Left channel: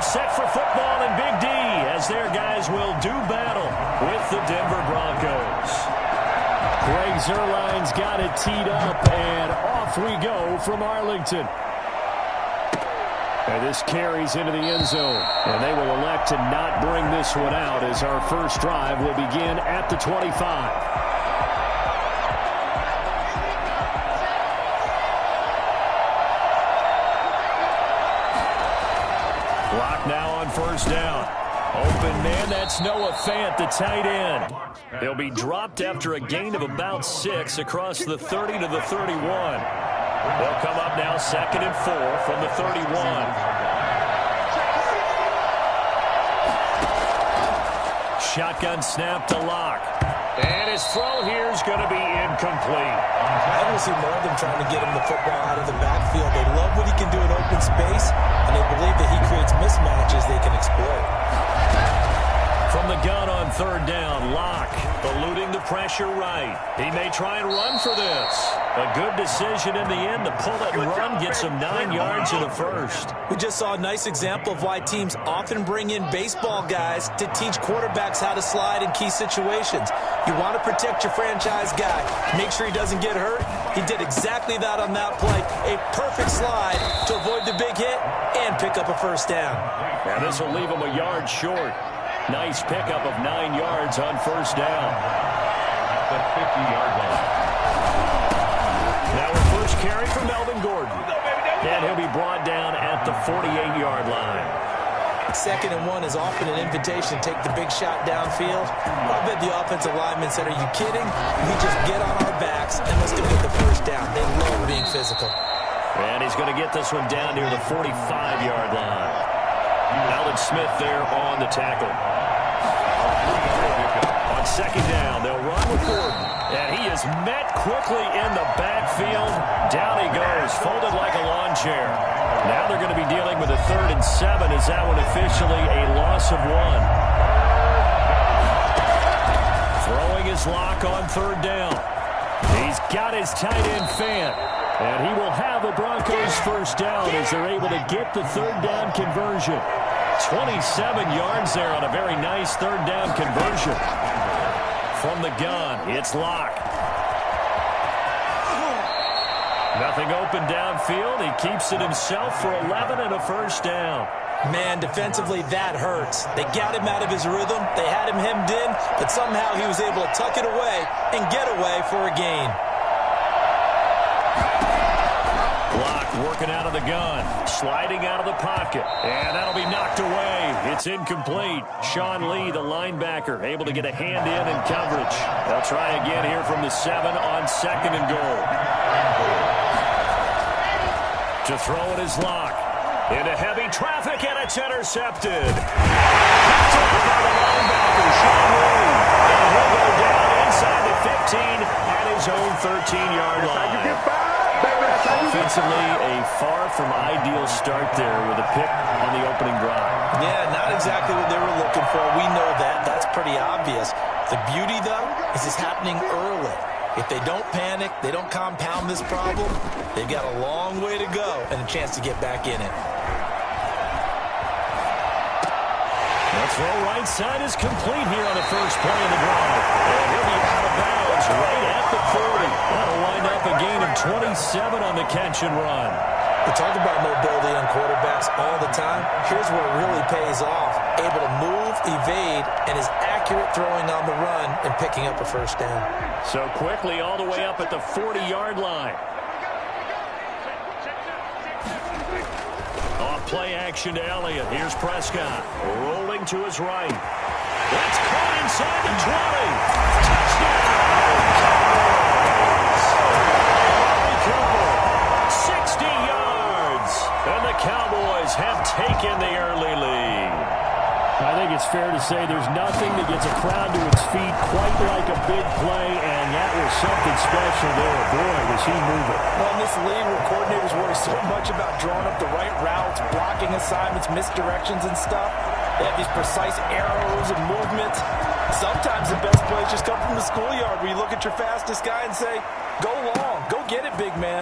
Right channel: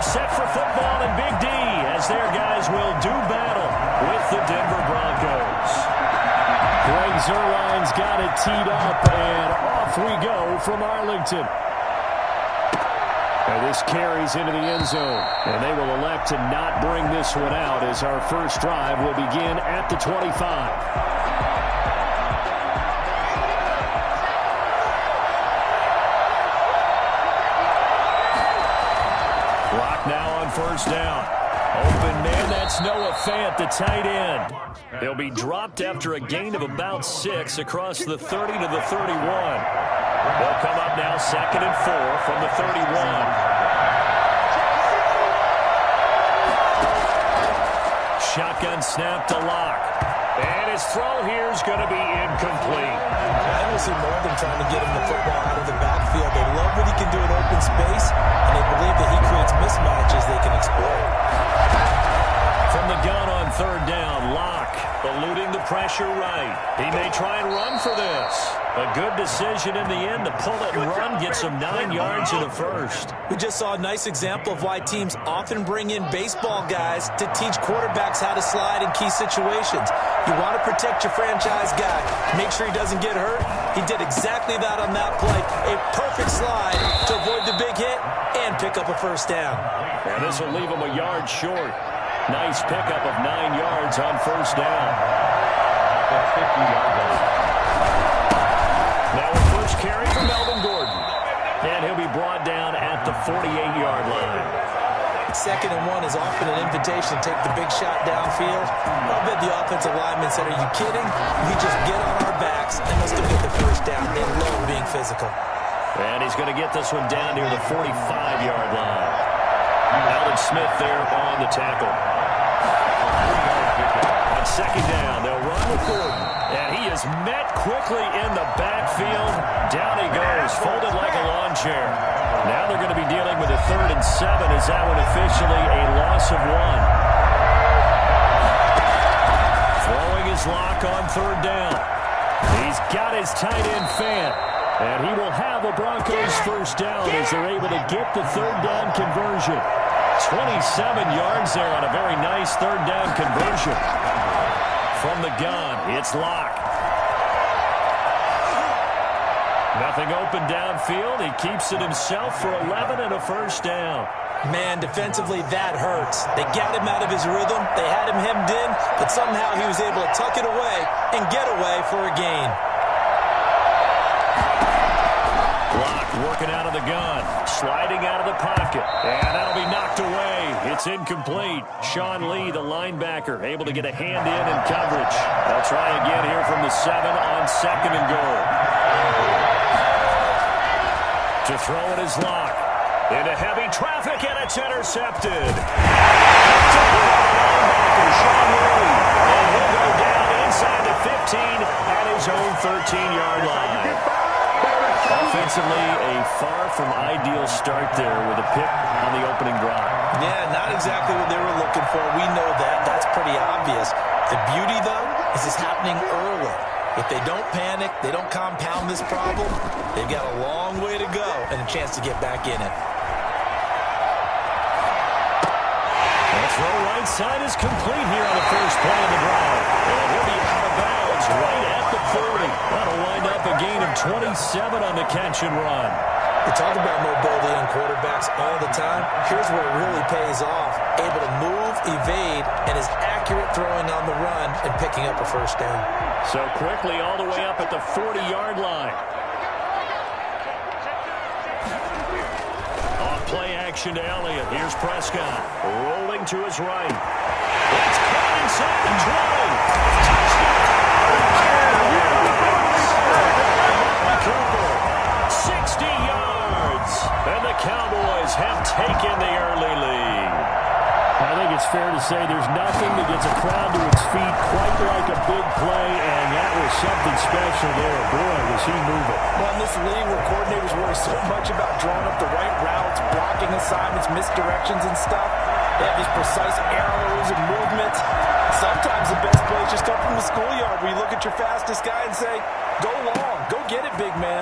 They're set for football in Big D as their guys will do battle with the Denver Broncos. Greg Zuerlein's got it teed up, and off we go from Arlington. And this carries into the end zone, and they will elect to not bring this one out as our first drive will begin at the 25. Clock now on first down. Open man, that's Noah Fant, the tight end. He'll be dropped after a gain of about 6 across the 30 to the 31. They'll come up now 2nd and 4 from the 31. Shotgun snap to Locke. And his throw here is going to be incomplete. I don't see more of them trying to get him the football out of the backfield. They love what he can do in open space, and they believe that he creates mismatches they can exploit. From the gun on 3rd down, Locke eluding the pressure right. He may try and run for this. A good decision in the end to pull it and run, gets him 9 yards in the first. We just saw a nice example of why teams often bring in baseball guys to teach quarterbacks how to slide in key situations. You want to protect your franchise guy. Make sure he doesn't get hurt. He did exactly that on that play. A perfect slide to avoid the big hit and pick up a first down. And this will leave him a yard short. Nice pickup of 9 yards on first down. At the 50-yard line. Now a first carry for Melvin Gordon. And he'll be brought down at the 48-yard line. 2nd and 1 is often an invitation to take the big shot downfield. I'll bet the offensive lineman said, "Are you kidding? We just get on our backs and let's go get the first down." They love being physical. And he's going to get this one down near the 45-yard line. Alden Smith there on the tackle. On 2nd down, they'll run with Gordon. And he is met quickly in the backfield. Down he goes, folded like a lawn chair. Now they're going to be dealing with a 3rd and 7 as that one officially a loss of 1. Throwing his Lock on 3rd down. He's got his tight end Fant. And he will have a Broncos first down as they're able to get the 3rd down conversion. 27 yards there on a very nice 3rd down conversion. From the gun, it's Locke. Nothing open downfield. He keeps it himself for 11 and a first down. Man, defensively, that hurts. They got him out of his rhythm. They had him hemmed in, but somehow he was able to tuck it away and get away for a gain. Locke working out of the gun, sliding out of the pocket, and that'll be knocked away. It's incomplete. Sean Lee, the linebacker, able to get a hand in coverage. They'll try again here from the 7 on 2nd and goal. To throw it is Locke. Into heavy traffic, and it's intercepted. Picked up by the linebacker, Sean Lee. And he'll go down inside the 15 at his own 13-yard line. Offensively, a far from ideal start there with a pick on the opening drive. Yeah, not exactly what they were looking for. We know that. That's pretty obvious. The beauty, though, is it's happening early. If they don't panic, they don't compound this problem, they've got a long way to go and a chance to get back in it. The throw right side is complete here on the first play of the drive. And he'll be out of bounds right at the 40. That'll wind up a gain of 27 on the catch and run. We talk about mobility on quarterbacks all the time. Here's where it really pays off. Able to move, evade, and is accurate throwing on the run and picking up a first down. So quickly all the way up at the 40-yard line. Off play action to Elliott. Here's Prescott rolling to his right. That's caught inside the 20. Touchdown! Cowboys! 60 yards! And the Cowboys have taken the early lead. I think it's fair to say there's nothing that gets a crowd to its feet quite like a big play, and that was something special there. Boy, was he moving. Well, in this league where coordinators worry so much about drawing up the right routes, blocking assignments, misdirections and stuff, they have these precise arrows and movements. Sometimes the best plays just come from the schoolyard where you look at your fastest guy and say, go long, go get it, big man.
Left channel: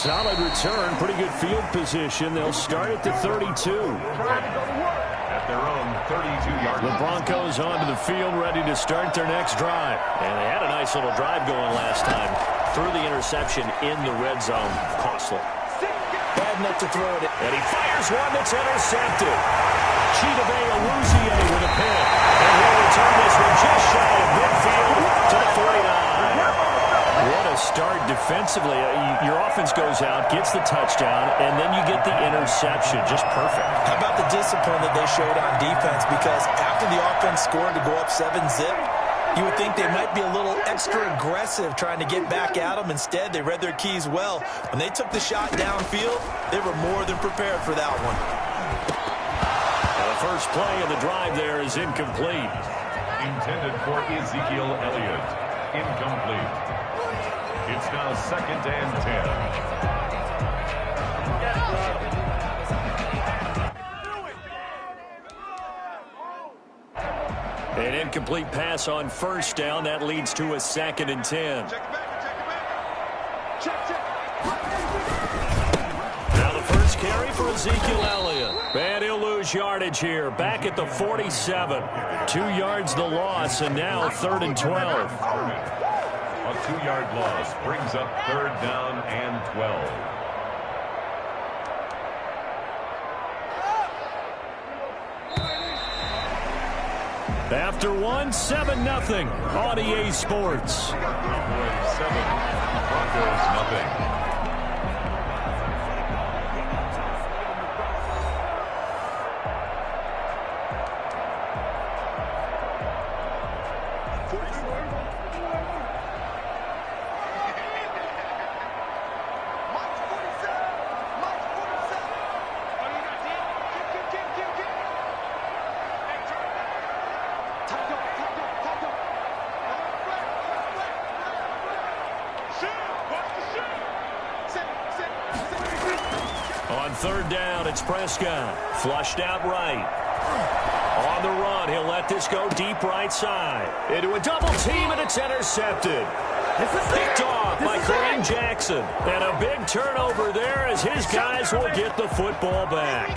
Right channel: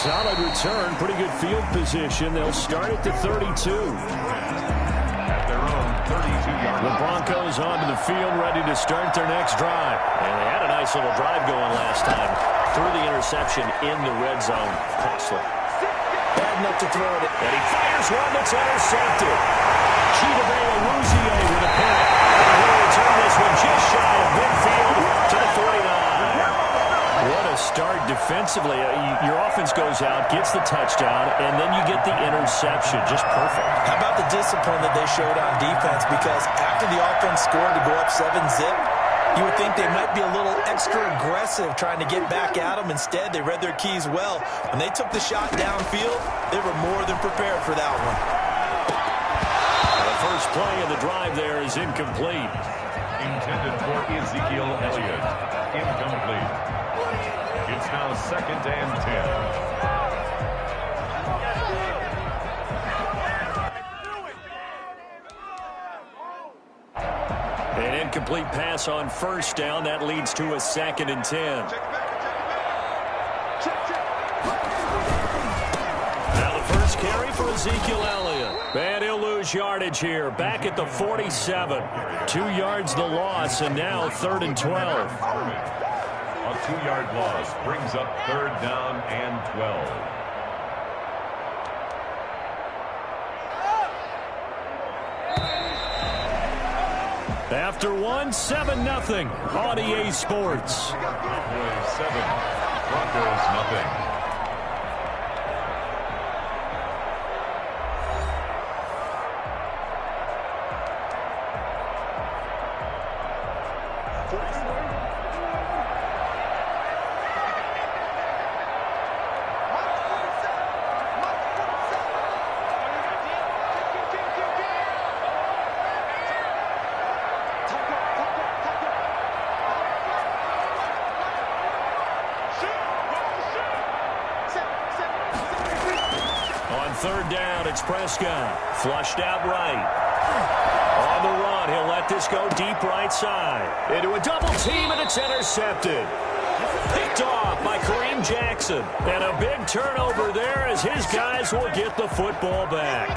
Solid return, pretty good field position. They'll start at the 32. At their own 32-yard line. The Broncos onto the field, ready to start their next drive. And they had a nice little drive going last time. Threw the interception in the red zone. Costly. Bad enough to throw it. And he fires one that's intercepted. Chidobe Awuzie with a pick. And he'll return this one just shy of midfield to the 49. What a start defensively. Your offense goes out, gets the touchdown, and then you get the interception. Just perfect. How about the discipline that they showed on defense? Because after the offense scored to go up 7-zip, you would think they might be a little extra aggressive trying to get back at them. Instead, they read their keys well. When they took the shot downfield, they were more than prepared for that one. The first play of the drive there is incomplete. Intended for Ezekiel Elliott. Incomplete. It's now 2nd and 10. An incomplete pass on first down. That leads to a 2nd and 10. Now the first carry for Ezekiel Elliott. And he'll lose yardage here. Back at the 47. 2 yards the loss, and now 3rd and 12. A 2-yard loss brings up 3rd down and 12. After 7-0 on EA Sports. 7, Broncos nothing. On 3rd down, it's Prescott. Flushed out right. On the run, he'll let this go deep right side. Into a double team, and it's intercepted. Picked off by Kareem Jackson. And a big turnover there as his guys will get the football back.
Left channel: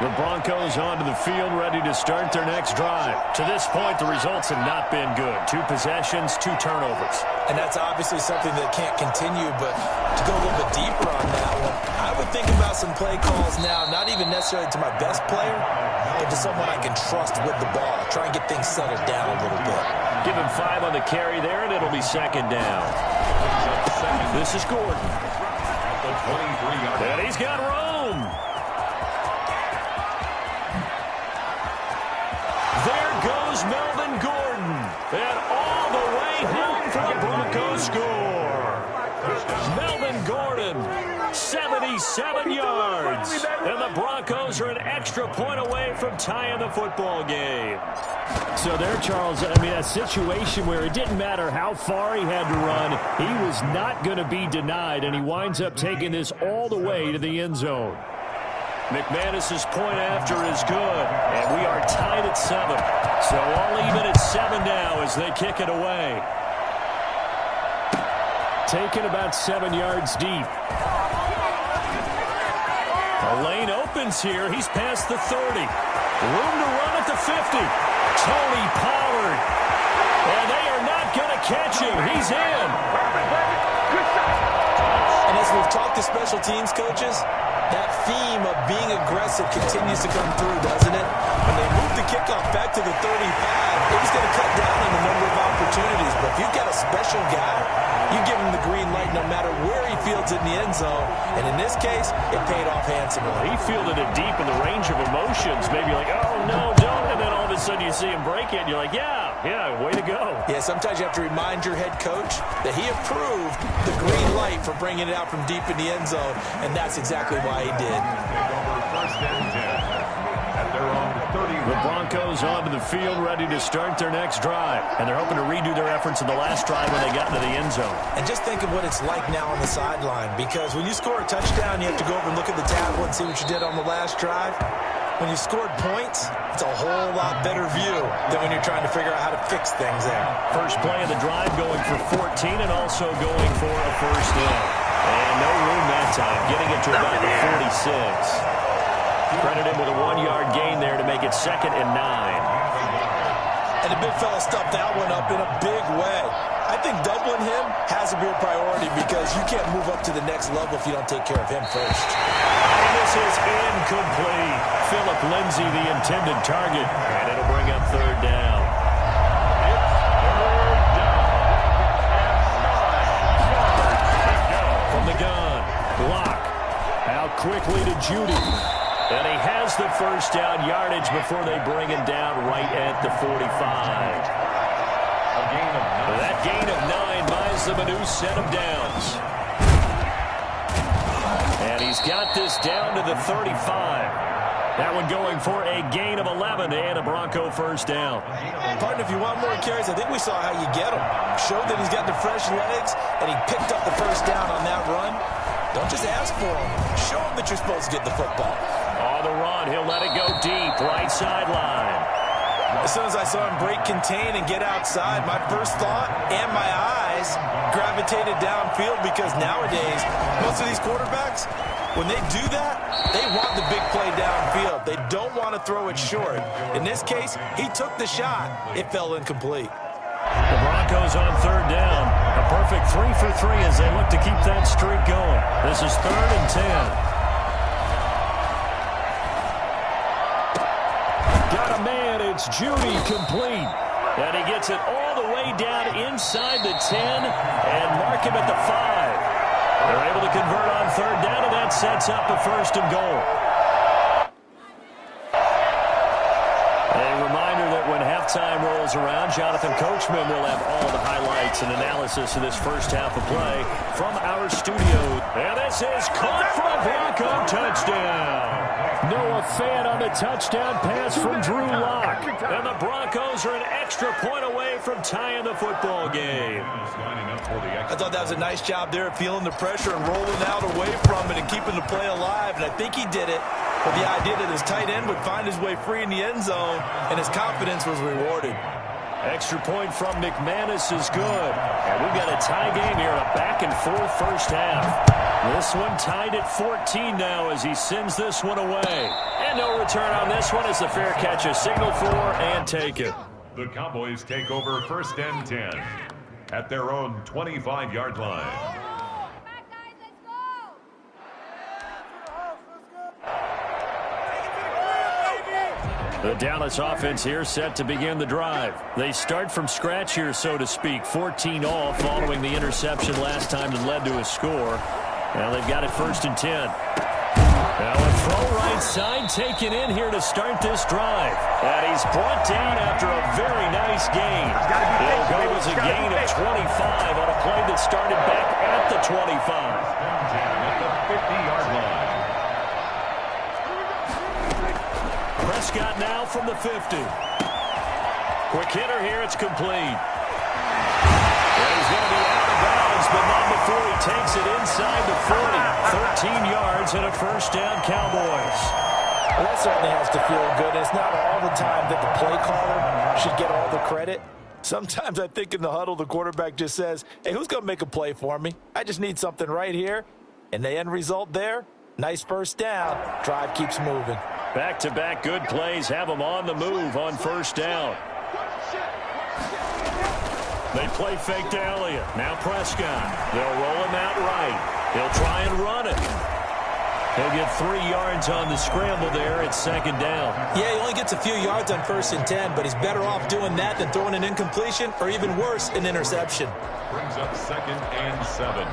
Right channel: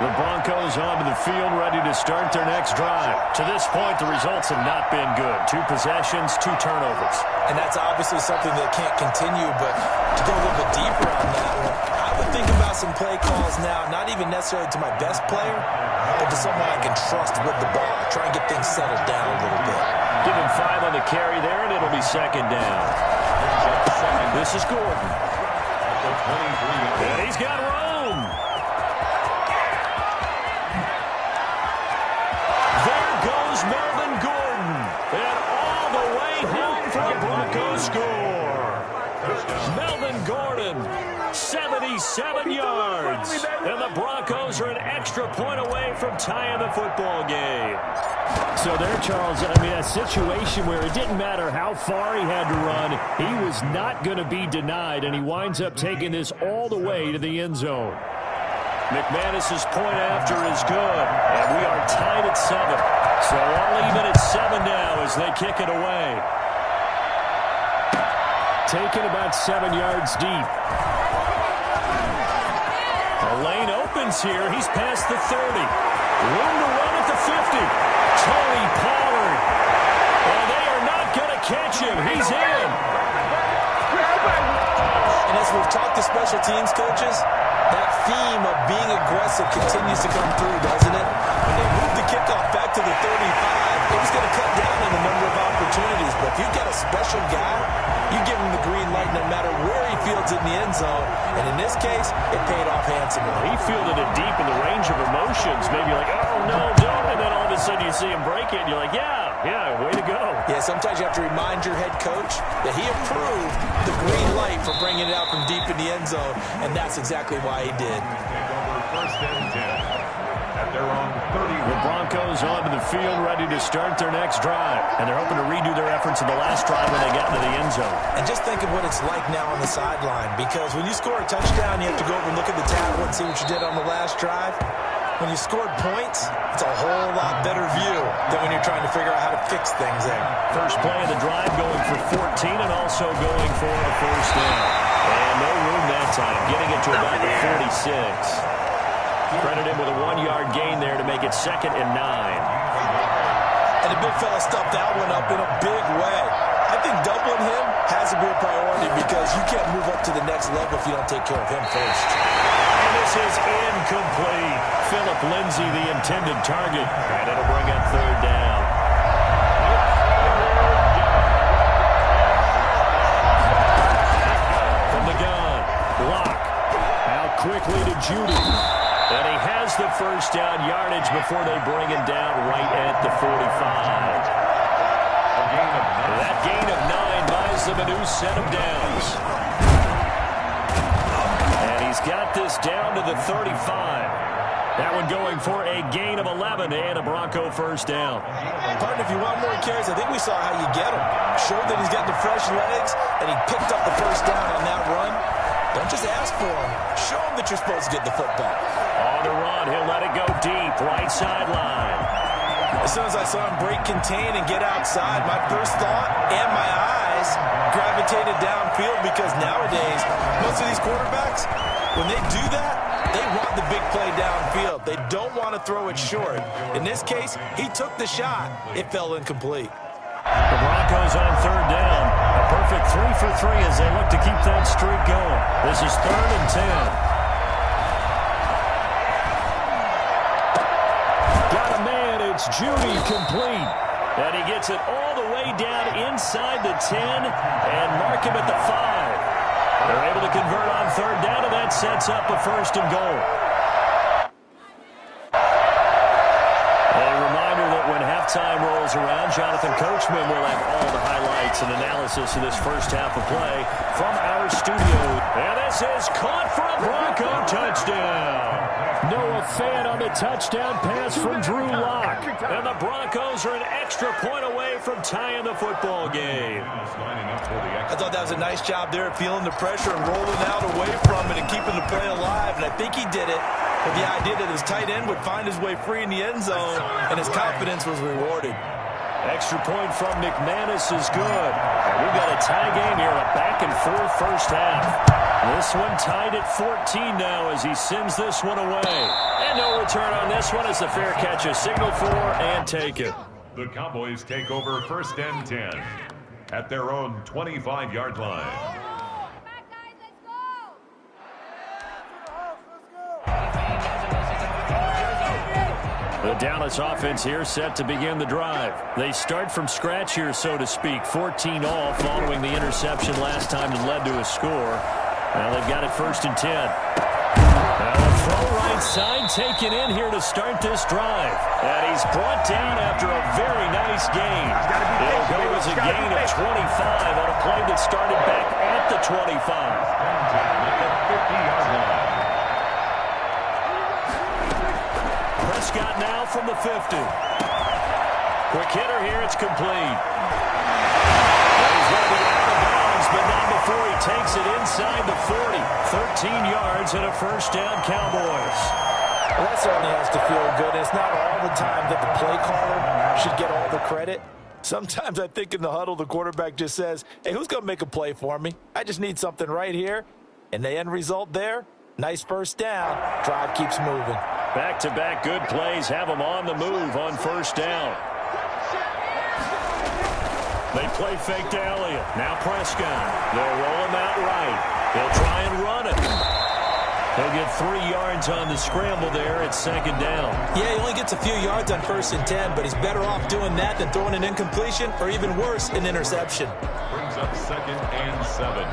The Broncos onto the field, ready to start their next drive. To this point, the results have not been good. 2 possessions, 2 turnovers. And that's obviously something that can't continue, but to go a little bit deeper on that one, I would think about some play calls now, not even necessarily to my best player, but to someone I can trust with the ball. Try and get things settled down a little bit. Give him 5 on the carry there, and it'll be 2nd down. This is Gordon. And he's got room. There goes Melvin Gordon. And all the way home for a Broncos score. Melvin Gordon, 77 yards. And the Broncos are an extra point away from tying the football game. So there, Charles, I mean, a situation where it didn't matter how far he had to run, he was not going to be denied, and he winds up taking this all the way to the end zone. McManus's point after is good, and we are tied at 7. So all even at 7 now as they kick it away. Taken about 7 yards deep. A lane opens here. He's past the 30. Room to run at the 50. Tony Pollard. And they are not going to catch him. He's in. And as we've talked to special teams coaches, that theme of being aggressive continues to come through, doesn't it? When they moved the kickoff back to the 35, it was going to cut down on the number of opportunities. But if you've got a special guy, you give him the green light no matter where he fields it in the end zone. And in this case, it paid off handsomely. He fielded it deep in the range of emotions. Maybe like, oh, no, don't. And then all of a sudden you see him break it, and you're like, yeah, way to go. Yeah, sometimes you have to remind your head coach that he approved the green light for bringing it out from deep in the end zone, and that's exactly why he did. Take over 1st and 10 at their own 30. The Broncos onto the field, ready to start their next drive. And they're hoping to redo their efforts in the last drive when they got into the end zone. And just think of what it's like now on the sideline, because when you score a touchdown, you have to go over and look at the tablet and see what you did on the last drive. When you scored points, it's a whole lot better view than when you're trying to figure out how to fix things there. First play of the drive going for 14 and also going for a first down. And no room that time, getting it to about the 46. Credit him with a 1-yard gain there to make it 2nd and 9. And the big fella stuffed that one up in a big way. I think doubling him has to be a priority because you can't move up to the next level if you don't take care of him first. And this is incomplete. Philip Lindsay, the intended target. And it'll bring up 3rd down. From the gun, block. Out quickly to Judy. And he has the 1st down yardage before they bring him down right at the 45. That gain of 9 buys them a new set of downs. And he's got this down to the 35. That one going for a gain of 11 and a Bronco 1st down. Partner, if you want more carries, I think we saw how you get him. Showed that he's got the fresh legs, and he picked up the 1st down on that run. Don't just ask for him. Show him that you're supposed to get the football. On the run, he'll let it go deep, right sideline. As soon as I saw him break contain and get outside, my first thought and my eyes gravitated downfield because nowadays, most of these quarterbacks, when they do that, they want the big play downfield. They don't want to throw it short. In this case, he took the shot. It fell incomplete. The Broncos on 3rd down. A perfect 3 for 3 as they look to keep that streak going. This is 3rd and 10. Got a man, it's Judy, complete. And he gets it all the way down inside the 10 and mark him at the 5. They're able to convert on 3rd down, and that sets up a 1st and goal. A reminder that when halftime rolls around, Jonathan Coachman will have all the highlights and analysis of this 1st half of play from our studio. And this is caught for a Bronco touchdown. Noah Fant on the touchdown pass from Drew Lock. And the Broncos are an extra point away from tying the football game. I thought that was a nice job there, feeling the pressure and rolling out away from it and keeping the play alive. And I think he did it with the idea that his tight end would find his way free in the end zone, and his confidence was rewarded. Extra point from McManus is good. And we've got a tie game here, a back-and-forth 1st half. This one tied at 14 now as he sends this one away. And no return on this one as the fair catch is signaled for and taken. The Cowboys take over 1st and 10 at their own 25-yard line. The Dallas offense here set to begin the drive. They start from scratch here, so to speak. 14 all following the interception last time that led to a score. Well, they've got it 1st and 10. Now a throw right side taken in here to start this drive. And he's brought down after a very nice gain. It'll go as a gain of 25 on a play that started back at the 25. At the 50-yard line. Prescott now from the 50. Quick hitter here, it's complete. And he's going to be out of bounds, but not before he takes it inside the 40. 13 yards and a 1st down, Cowboys. Well, that certainly has to feel good. It's not all the time that the play caller should get all the credit. Sometimes I think in the huddle, the quarterback just says, hey, who's going to make a play for me? I just need something right here. And the end result there, nice 1st down. Drive keeps moving. Back-to-back good plays have them on the move on 1st down. They play fake to Elliott. Now Prescott. They'll roll him out right. He'll try and run it. He'll get 3 yards on the scramble there. It's 2nd down. Yeah, he only gets a few yards on 1st and 10, but he's better off doing that than throwing an incompletion or even worse, an interception. Brings up 2nd and 7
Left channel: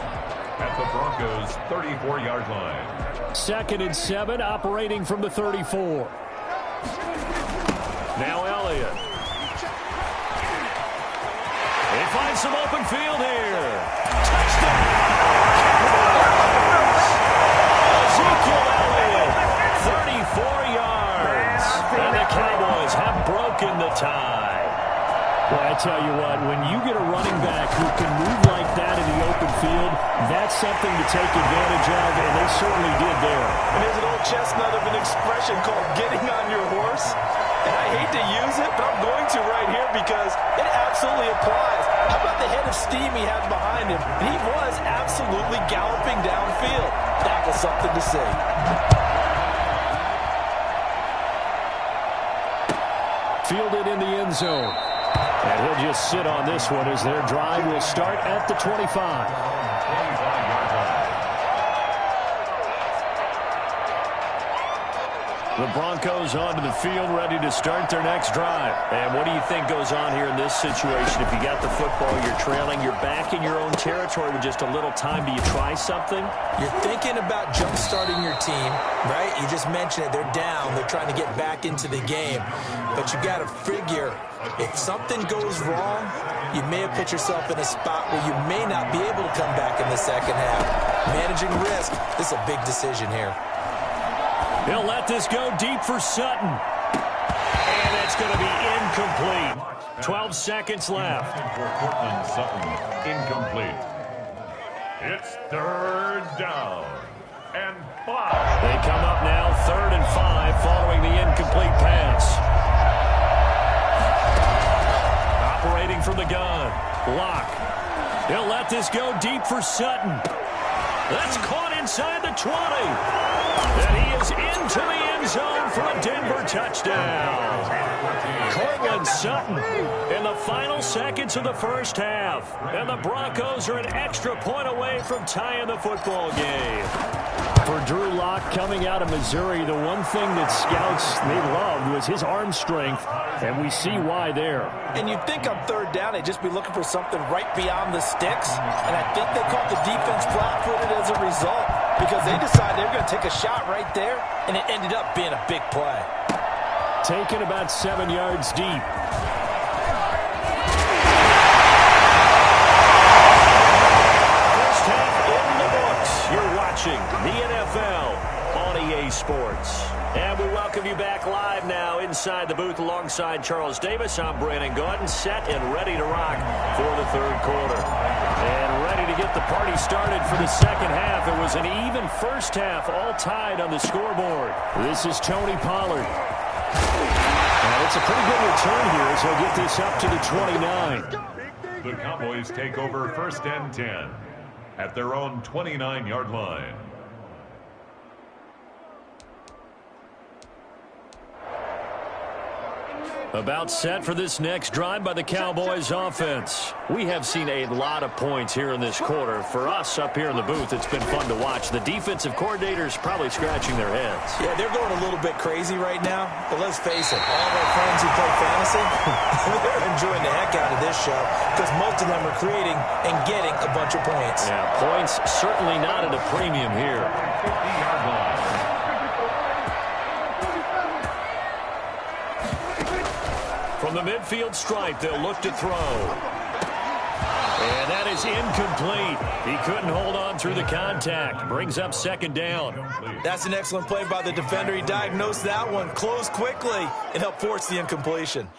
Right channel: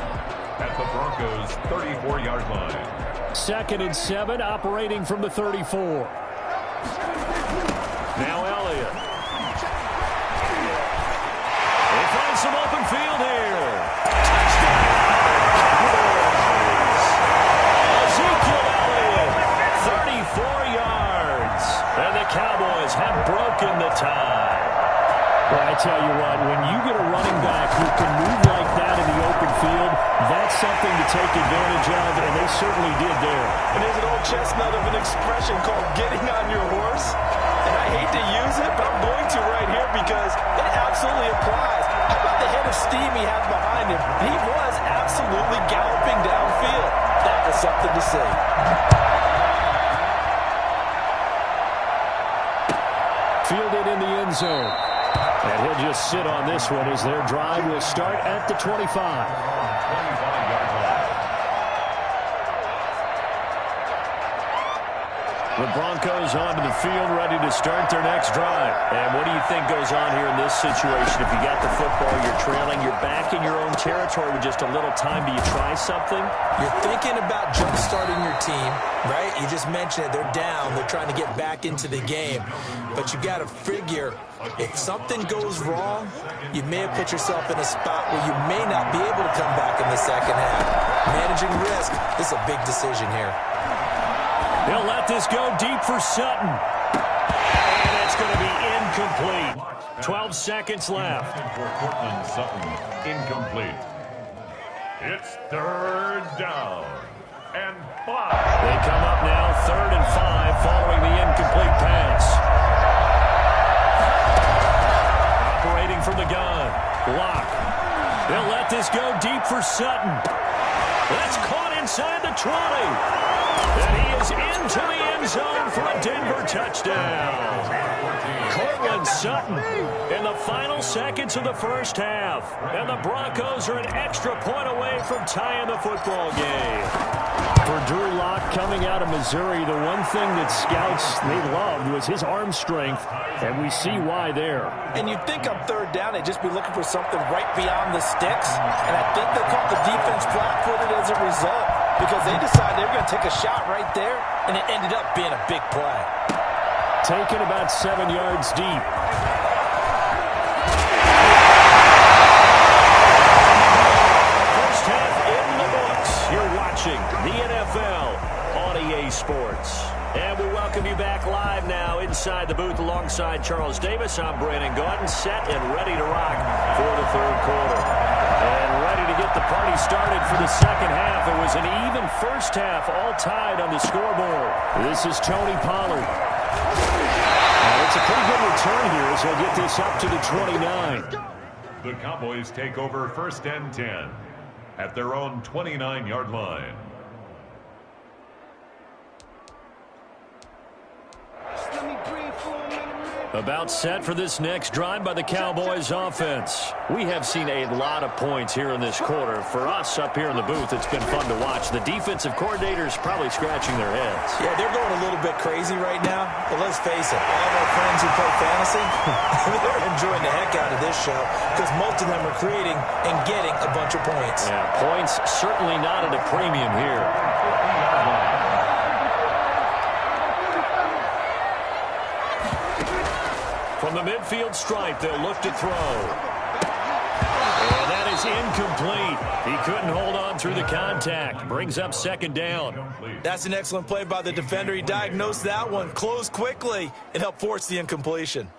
at the Broncos' 34-yard line. 2nd and 7, operating from the 34. Now Elliott. He finds some open field here. Touchdown! Cowboys! Ezekiel Elliott, 34 yards. And the Cowboys have broken the tie. Well, I tell you what, when you get a running back who can move like that in the open field, that's something to take advantage of, and they certainly did there. And there's an old chestnut of an expression called getting on your horse. And I hate to use it, but I'm going to right here because it absolutely applies. How about the head of steam he had behind him? He was absolutely galloping downfield. That something to see. Fielded in the end zone. And he'll just sit on this one as their drive will start at the 25. 25-yard line. The Broncos onto the field, ready to start their next drive. And what do you think goes on here in this situation? If you got the football, you're trailing, you're back in your own territory with just a little time. Do you try something? You're thinking about jump-starting your team, right? You just mentioned it. They're down. They're trying to get back into the game. But you got to figure, if something goes wrong, you may have put yourself in a spot where you may not be able to come back in the second half. Managing risk, this is a big decision here. He'll let this go deep for Sutton. And it's going to be incomplete. 12 seconds left. For Cortland Sutton, incomplete. It's third down and 5. They come up now 3rd and 5 following the incomplete pass. Operating from the gun. Lock. He'll let this go deep for Sutton. That's caught inside the 20. And he is into the end zone for a Denver touchdown. Cortland Sutton in the final seconds of the first half. And the Broncos are an extra point away from tying the football game. For Drew Lock coming out of Missouri, the one thing that scouts they loved was his arm strength, and we see why there. And you'd think on third down they'd just be looking for something right beyond the sticks, and I think they caught the defense flat-footed as a result because they decided they were going to take a shot right there, and it ended up being a big play. Taken about 7 yards deep. First half in the books. You're watching the NFL on EA Sports. And we welcome you back live now inside the booth alongside Charles Davis. I'm Brandon Gaudin, set and ready to rock for the third quarter. And ready to get the party started for the second half. It was an even first half, all tied on the scoreboard. This is Tony Pollard. And it's a pretty good return here as he'll get this up to the 29. The Cowboys take over 1st and 10 at their own 29-yard line. About set for this next drive by the Cowboys offense. We have seen a lot of points here in this quarter. For us up here in the booth, it's been fun to watch. The defensive coordinators probably scratching their heads. Yeah, they're going a little bit crazy right now. But let's face it, all of our friends who play fantasy, they're enjoying the heck out of this show because most of them are creating and getting a bunch of points. Yeah, points certainly not at a premium here. 50-yard line. From the midfield stripe, they'll look to throw. And that is incomplete. He couldn't hold on through the contact. Brings up 2nd down. That's an excellent play by the defender. He diagnosed that one, closed quickly, and helped force the incompletion.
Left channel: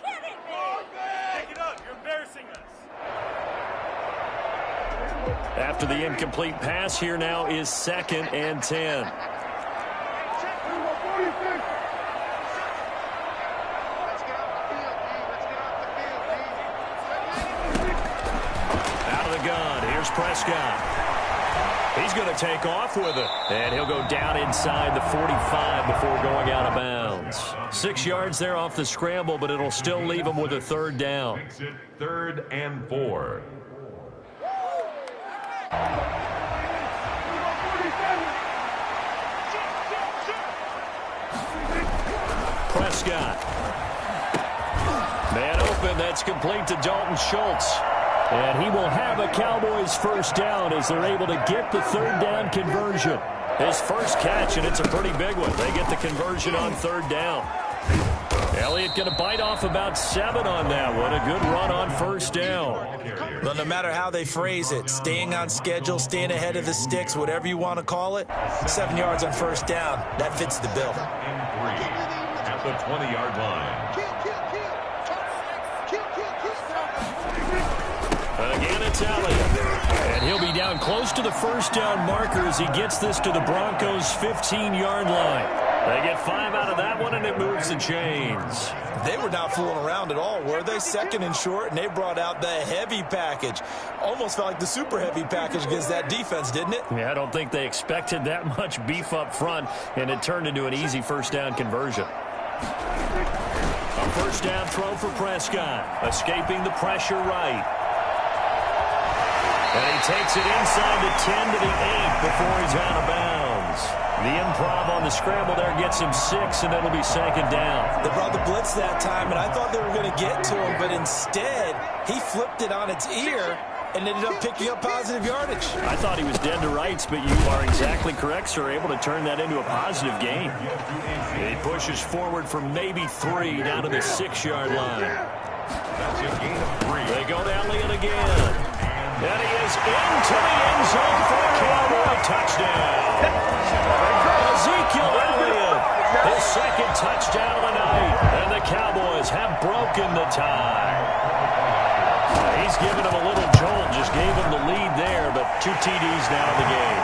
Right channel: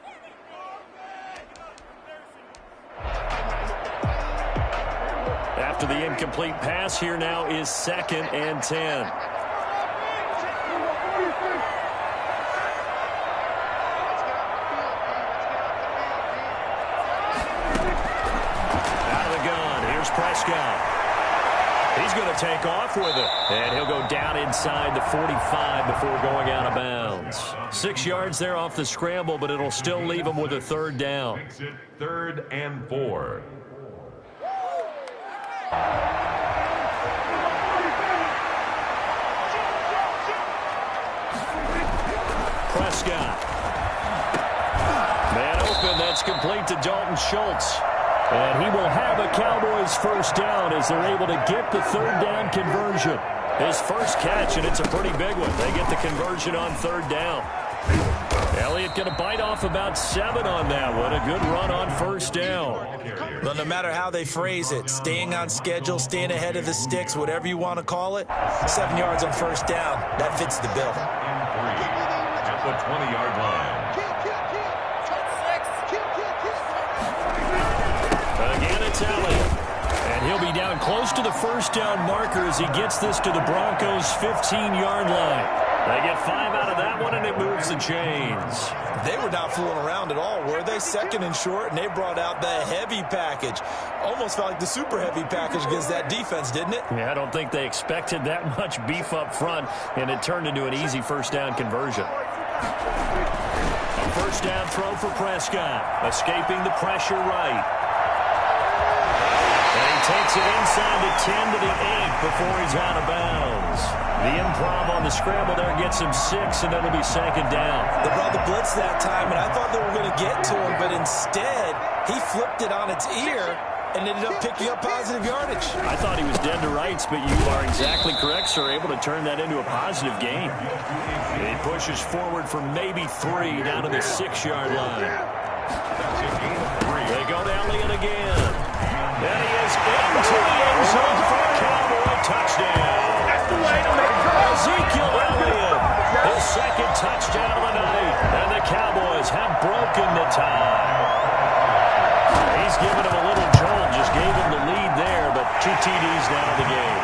After the incomplete pass, here now is 2nd and 10. Prescott. He's going to take off with it. And he'll go down inside the 45 before going out of bounds. 6 yards there off the scramble, but it'll still leave him with a 3rd down. 3rd and 4. Prescott. Man open. That's complete to Dalton Schultz. And he will have a Cowboys 1st down as they're able to get the 3rd down conversion. His first catch, and it's a pretty big one. They get the conversion on 3rd down. Elliott going to bite off about 7 on that one. A good run on 1st down. Well, no matter how they phrase it, staying on schedule, staying ahead of the sticks, whatever you want to call it, 7 yards on 1st down, that fits the bill. And 3 at the 20-yard line. Again, it's Elliott. And he'll be down close to the 1st down marker as he gets this to the Broncos' 15-yard line. They get 5 out of that one, and it moves the chains. They were not fooling around at all, were they? Second and short, and they brought out the heavy package. Almost felt like the super heavy package against that defense, didn't it? Yeah, I don't think they expected that much beef up front, and it turned into an easy first down conversion. A first down throw for Prescott, escaping the pressure right. And he takes it inside the 10 to the 8 before he's out of bounds. The improv on the scramble there gets him 6, and it'll be second down. They brought the blitz that time, and I thought they were going to get to him, but instead he flipped it on its ear and ended up picking up positive yardage. I thought he was dead to rights, but you are exactly correct, sir. Able to turn that into a positive gain. And he pushes forward for maybe 3 down to the 6-yard line. They go to Elliott again. And he is into the end zone for a Cowboy touchdown. Ezekiel Elliott, his second touchdown of the night. And the Cowboys have broken the tie. He's given him a little jolt, just gave him the lead there, but 2 TDs now in the game.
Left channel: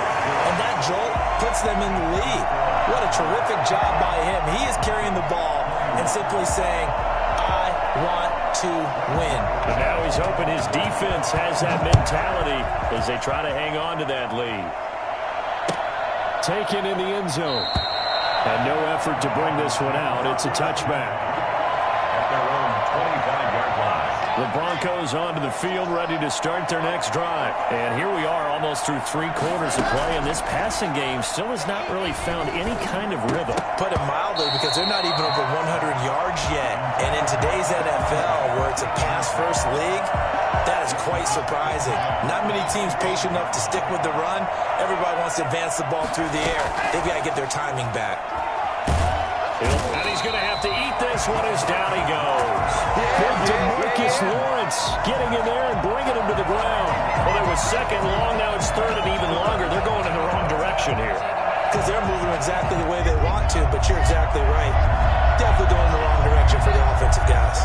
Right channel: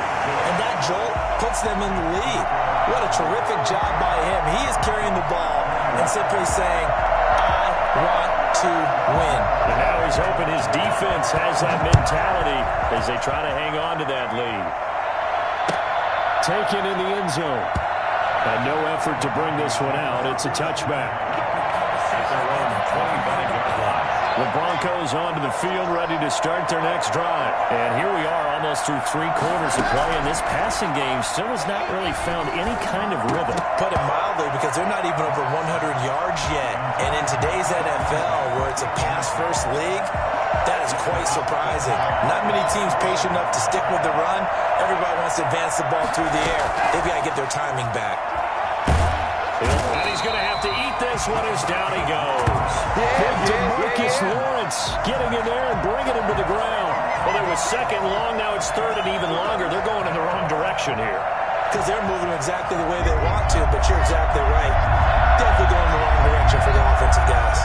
And that jolt puts them in the lead. What a terrific job by him. He is carrying the ball and simply saying, I want to win. And now he's hoping his defense has that mentality as they try to hang on to that lead. Taken in the end zone. And no effort to bring this one out. It's a touchback. At their own 25-yard line. The Broncos onto the field, ready to start their next drive. And here we are almost through 3 quarters of play, and this passing game still has not really found any kind of rhythm. Put it mildly, because they're not even over 100 yards yet. And in today's NFL, where it's a pass-first league, that is quite surprising. Not many teams patient enough to stick with the run. Everybody wants to advance the ball through the air. They've got to get their timing back. And he's going to have to eat this one as down he goes. DeMarcus Lawrence getting in there and bringing him to the ground. Well, it was second long. Now it's third and even longer. They're going in the wrong direction here. Because they're moving exactly the way they want to, but you're exactly right. Definitely going in the wrong direction for the offensive guys.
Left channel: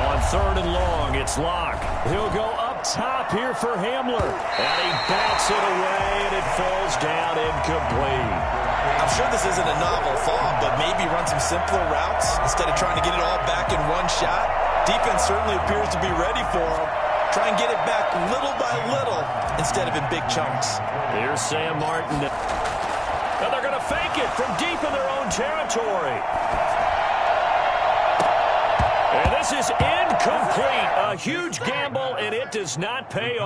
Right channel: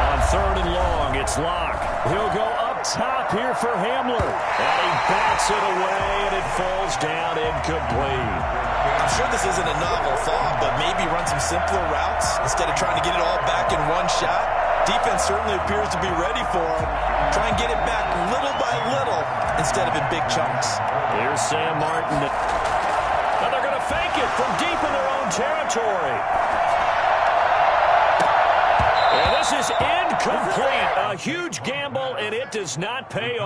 On third and long, it's Locke. He'll go up top here for Hamler. And he bats it away, and it falls down incomplete. I'm sure this isn't a novel thought, but maybe run some simpler routes instead of trying to get it all back in one shot. Defense certainly appears to be ready for him. Try and get it back little by little instead of in big chunks. Here's Sam Martin. Now they're going to fake it from deep in their own territory. And this is incomplete. A huge gamble, and it does not pay off.